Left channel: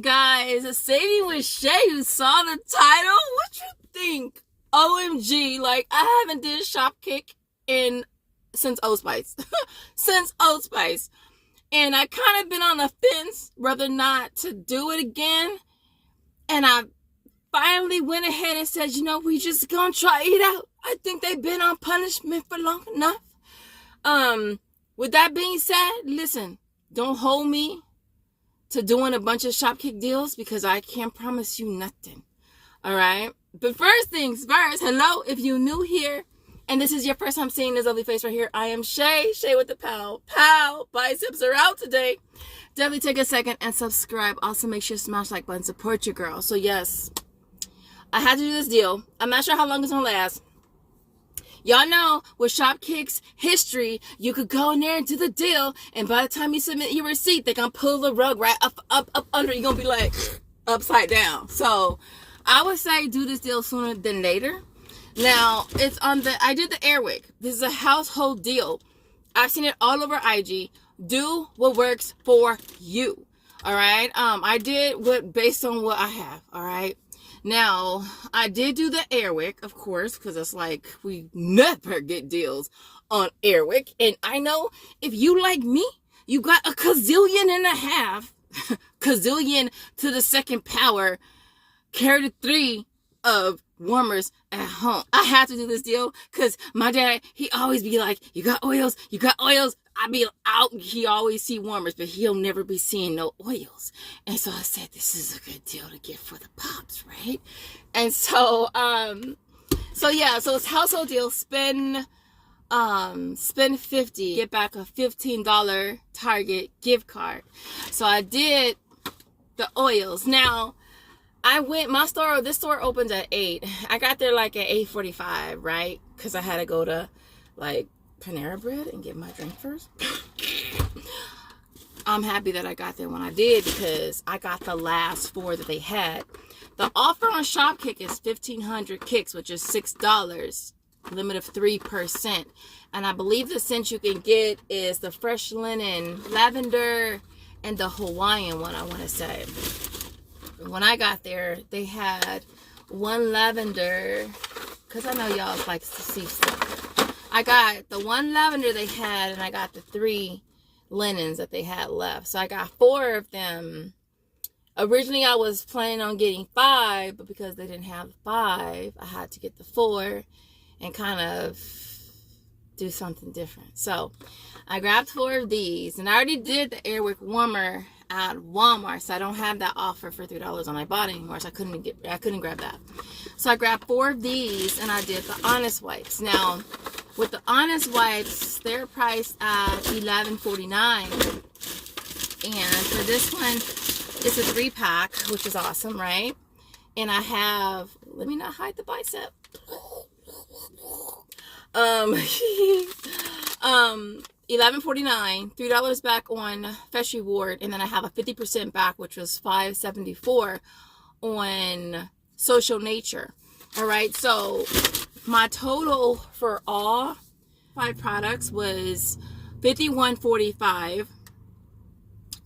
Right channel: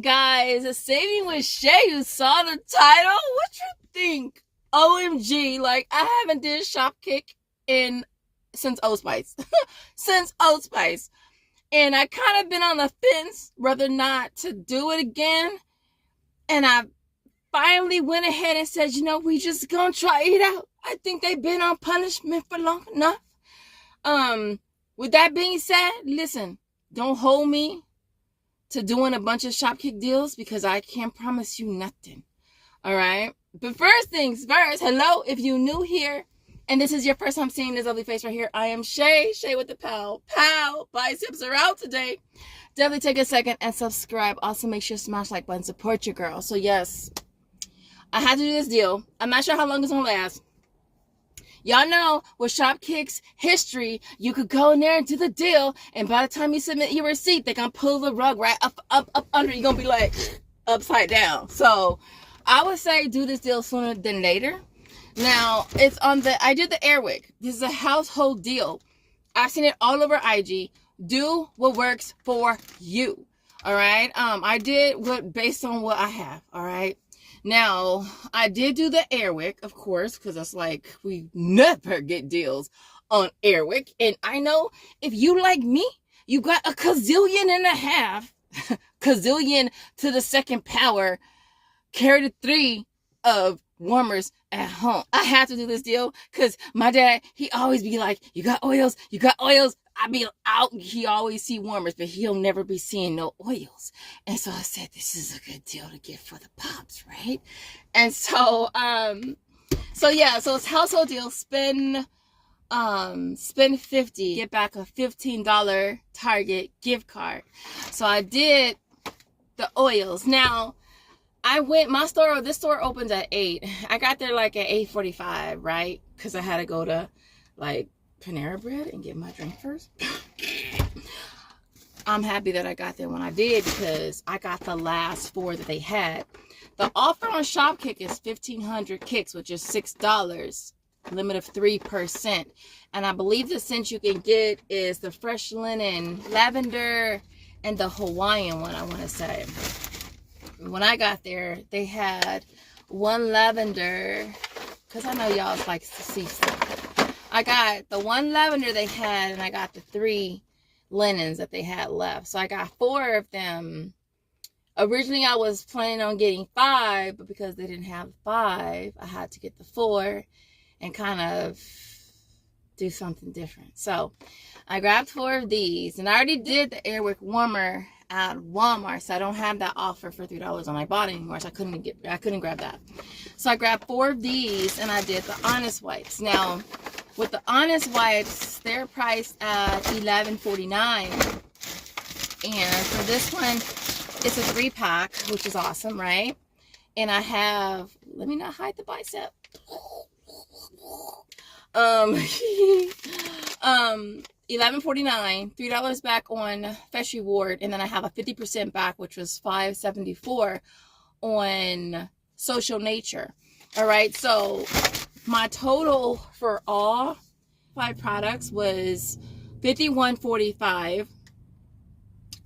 morning, guys. Saving with Sha. You saw the title? What you think? OMG, like I haven't did Shopkick since Old Spice. Since Old Spice. And I kind of been on the fence whether or not to do it again. And I finally went ahead and said, you know, we just gonna try it out. I think they've been on punishment for long enough. With that being said, listen, don't hold me to doing a bunch of Shopkick deals because I can't promise you nothing. All right? But first things first, hello, if you're new here and this is your first time seeing this lovely face right here, I am Sha with the Pow. Biceps are out today. Definitely take a second and subscribe. Also, make sure to smash like button. Support your girl. So, yes, I had to do this deal. I'm not sure how long it's going to last. Y'all know with Shopkick's history, you could go in there and do the deal, and by the time you submit your receipt, they're going to pull the rug right up under. You're going to be like upside down. So I would say do this deal sooner than later. Now, it's on I did the Airwick. This is a household deal. I've seen it all over IG. Do what works for you. All right. I did based on what I have. All right. Now, I did do the Airwick, of course, because it's like we never get deals on Airwick. And I know if you like me, you got a gazillion and a half, gazillion to the second power, carry the 3 of warmers at home. I have to do this deal because my dad, he always be like, you got oils, you got oils. I be out, he always see warmers, but he'll never be seeing no oils. And so I said, this is a good deal to get for the pops, right? And so, yeah, so it's household deal. Spend 50, get back a $15 Target gift card. So I did the oils. Now, this store opens at 8. I got there like at 8:45, right? Because I had to go to like Panera Bread and get my drink first. I'm happy that I got there when I did because I got the last 4 that they had. The offer on Shopkick is 1,500 kicks, which is $6, limit of 3%. And I believe the scent you can get is the fresh linen, lavender, and the Hawaiian one, I want to say. When I got there, they had one lavender, because I know y'all like to see stuff. I got the one lavender they had, and I got the 3 linens that they had left. So I got 4 of them. Originally, I was planning on getting 5, but because they didn't have 5, I had to get the 4 and kind of do something different. So I grabbed 4 of these, and I already did the Airwick warmer at Walmart, so I don't have that offer for $3 on Ibotta anymore, so I couldn't grab that. So I grabbed 4 of these, and I did the Honest Wipes. Now, with the Honest Wipes, they're priced at $11.49, and for this one, it's a 3-pack, which is awesome, right? And I have, let me not hide the bicep. $11.49, $3 back on Fresh Reward, and then I have a 50% back, which was $5.74 on Social Nature. All right, so my total for all 5 products was $51.45,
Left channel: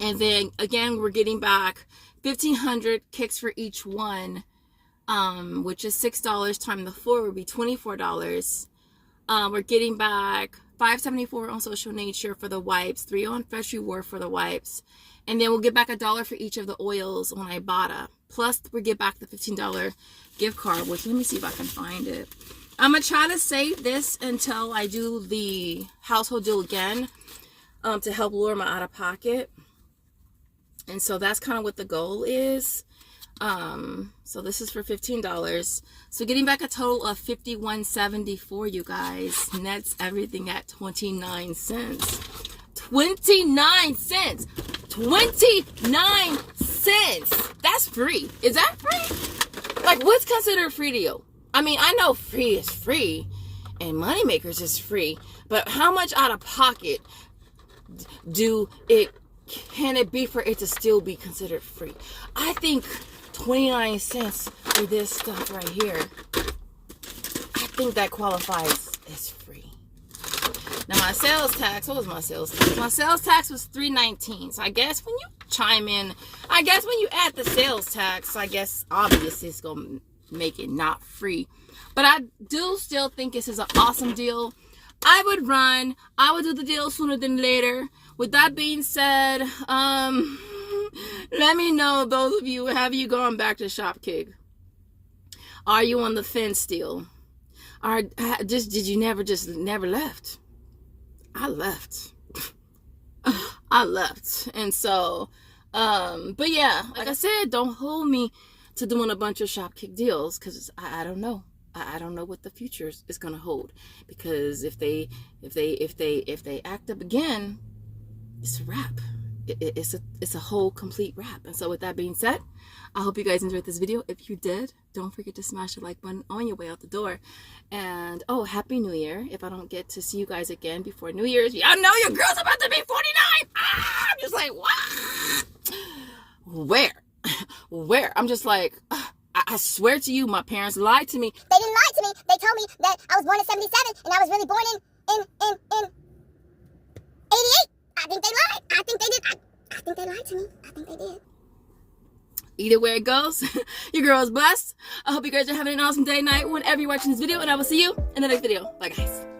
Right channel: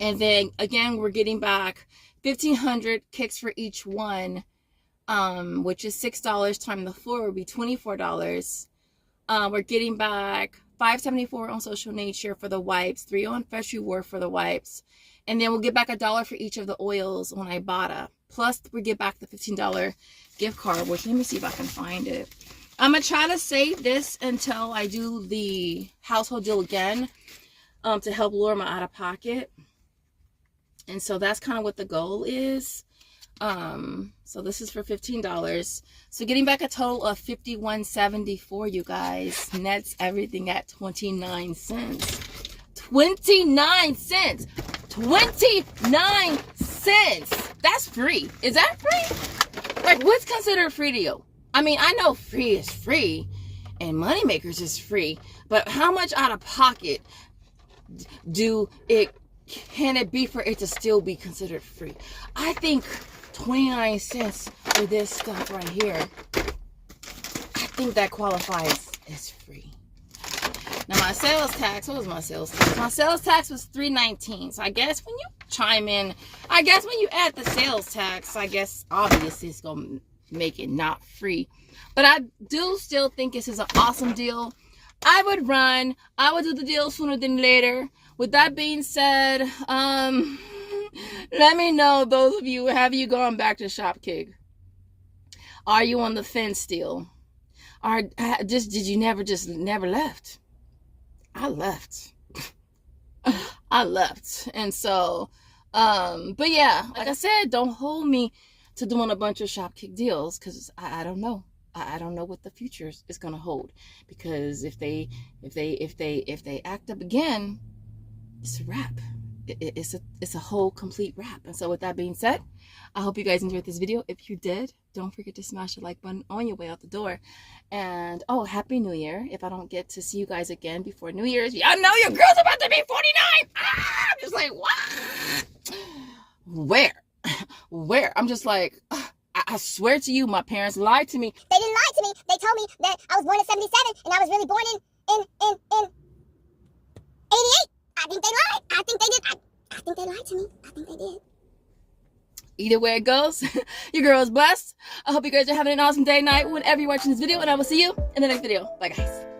and then again we're getting back 1,500 kicks for each one, which is $6 times the 4 would be $24. We're getting back $5.74 on Social Nature for the wipes, $3 on Fresh Reward for the wipes, and then we'll get back $1 for each of the oils on Ibotta. Plus, we get back the $15 gift card, which let me see if I can find it. I'm gonna try to save this until I do the household deal again, to help lower my out of pocket. And so that's kind of what the goal is. So this is for $15. So getting back a total of $51.74, you guys. Nets everything at 29 cents. 29 cents. 29 cents. That's free. Is that free? Like, what's considered free to you? I mean, I know free is free and Moneymakers is free, but how much out of pocket can it be for it to still be considered free? I think 29 cents for this stuff right here, I think that qualifies as free. Now my sales tax, what was my sales tax? My sales tax was $3.19. So I guess when you chime in, I guess when you add the sales tax, I guess obviously it's gonna make it not free. But I do still think this is an awesome deal. I would do the deal sooner than later. With that being said, let me know, those of you, have you gone back to Shopkick? Are you on the fence still? Or did you never left? I left. I left. And so, but yeah, like I said, don't hold me to doing a bunch of Shopkick deals, because I don't know. I don't know what the future is gonna hold. Because if they act up again, it's a wrap. It's a whole complete wrap. And so with that being said, I hope you guys enjoyed this video. If you did, don't forget to smash the like button on your way out the door. And oh, Happy New Year. If I don't get to see you guys again before New Year's, y'all know your girl's about to be 49. I'm just like, what? Where? I'm just like, I swear to you, my parents lied to me. They didn't lie to me. They told me that I was born in 77 and I was really born in 88. I think they lied. I think they did. I think they lied to me. I think they did. Either way it goes, your girl is blessed. I hope you guys are having an awesome day, night, whenever you're watching this video, and I will see you in the next video. Bye, guys.